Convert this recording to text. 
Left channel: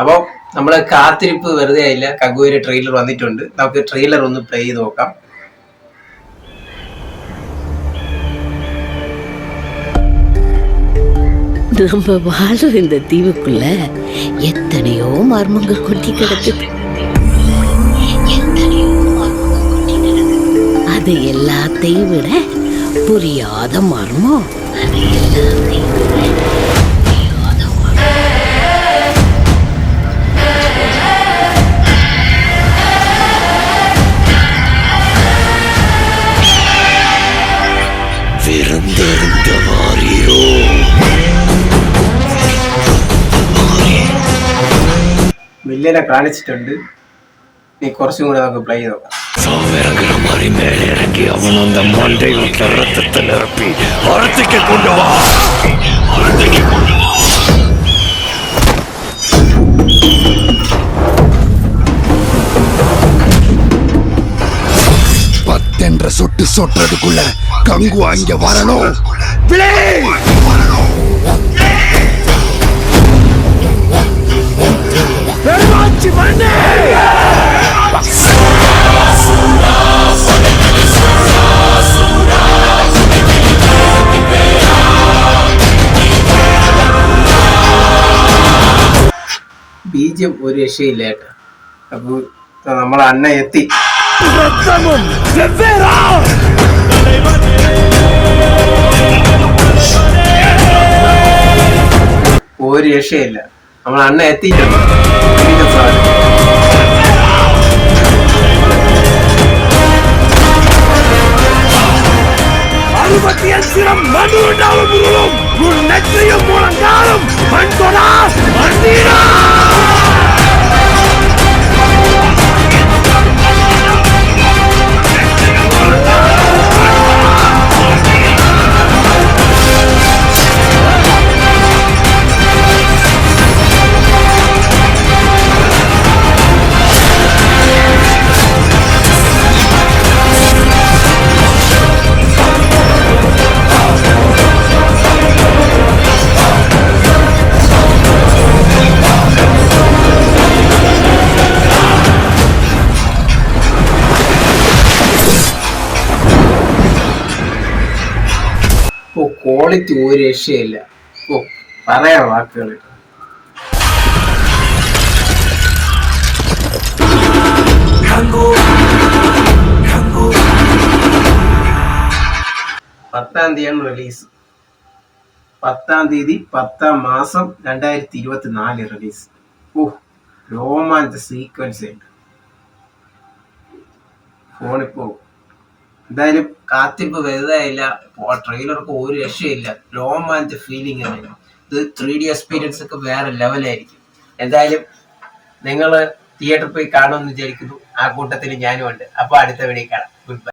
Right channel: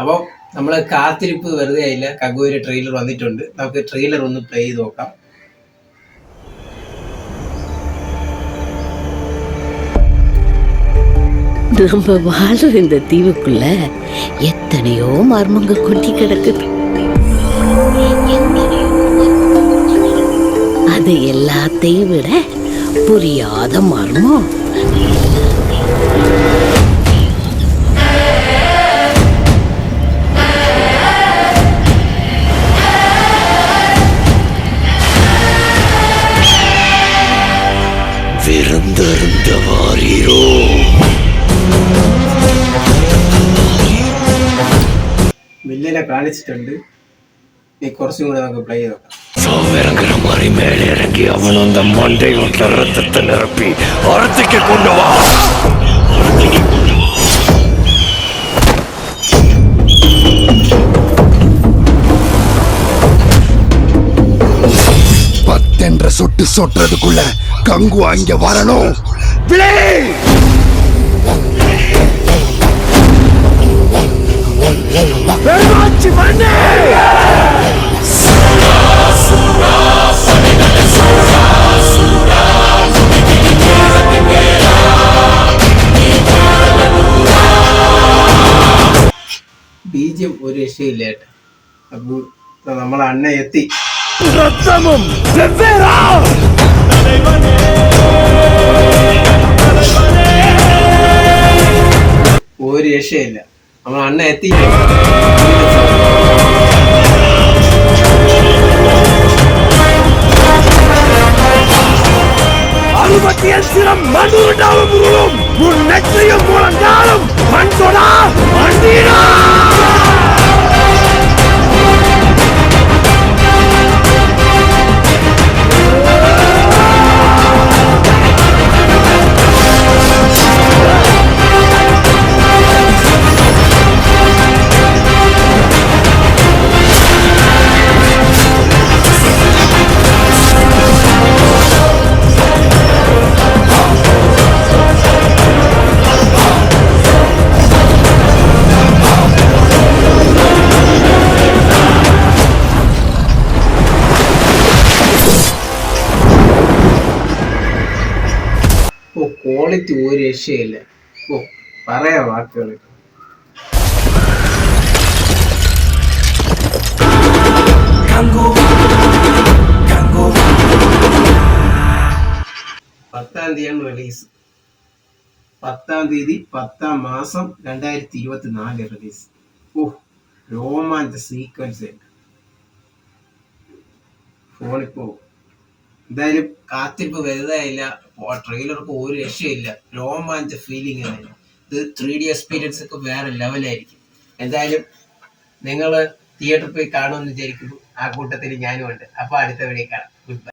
അപ്പോൾ നമ്മള് കാത്തിരിപ്പ് വെറുതെ ആയില്ല. കഗുവിന്റെ ട്രെയിലർ വന്നിട്ടുണ്ട്. നമുക്ക് ട്രെയിലർ ഒന്ന് പ്ലേ ചെയ്ത് നോക്കാം. நம்ம வாழ்ற இந்த தீவுக்குள்ள எத்தனையோ மர்மங்கள் கொட்டி கிடக்குது. அது எல்லாத்தையும் விட புரியாத மர்மம் விருந்தருந்த வாரீரோ. വില്ലനെ കാണിച്ചിട്ടുണ്ട്. നീ കുറച്ചും കൂടെ നമുക്ക് പ്ലേ ചെയ്ത് നോക്കാം. சாவிறங்குற மாதிரி மேலே இறங்கி அவன் அந்த மண்டை வீட்டுல ரத்தத்தை நிரப்பி அறுத்துக்கு கொண்டு வா. பத்தென்ற சொட்டு சொட்டுறதுக்குள்ள கங்கு அங்க வரணும். பெருமாச்சி மண்ணே ബീജം ഒരു രക്ഷയില്ല ഏട്ടാ. അപ്പൊ നമ്മളെ അണ്ണ എത്തി. ரத்தமும் வெவ்வேறா. ഒരു രക്ഷയില്ല. നമ്മളെ അണ്ണ എത്തി. அறுபத்தியல் சிரம் மண் உண்டாலும் உருளும் உன் நெற்றியும் முழங்காலும் மண் தொடா மண்டீரா. ഓ, ക്വാളിറ്റി ഒരു രക്ഷയില്ല. ഓ, പറയാൻ വാക്കുകൾ. 10-ാം തീയതിയാണ് റിലീസ്. 10-ാം തീയതി 10-ാം മാസം 2024 റിലീസ്. ഓ, രോമാഞ്ച സീക്വൻസ് ഉണ്ട്. ഫോണിപ്പോ എന്തായാലും കാത്തിരിപ്പ് വലുതായില്ല. ട്രെയിലർക്ക് ഒരു രക്ഷയില്ല. രോമാഞ്ച ഫീലിംഗ് ആണ്. ഇത് 3D എക്സ്പീരിയൻസ് ഒക്കെ വേറെ ലെവലായിരിക്കും. എന്തായാലും നിങ്ങൾ തിയേറ്ററിൽ പോയി കാണുമെന്ന് വിചാരിക്കുന്നു. ആ കൂട്ടത്തിൽ ഞാനും ഉണ്ട്. അപ്പോൾ അടുത്ത വീഡിയോ കാണാം. Good bye.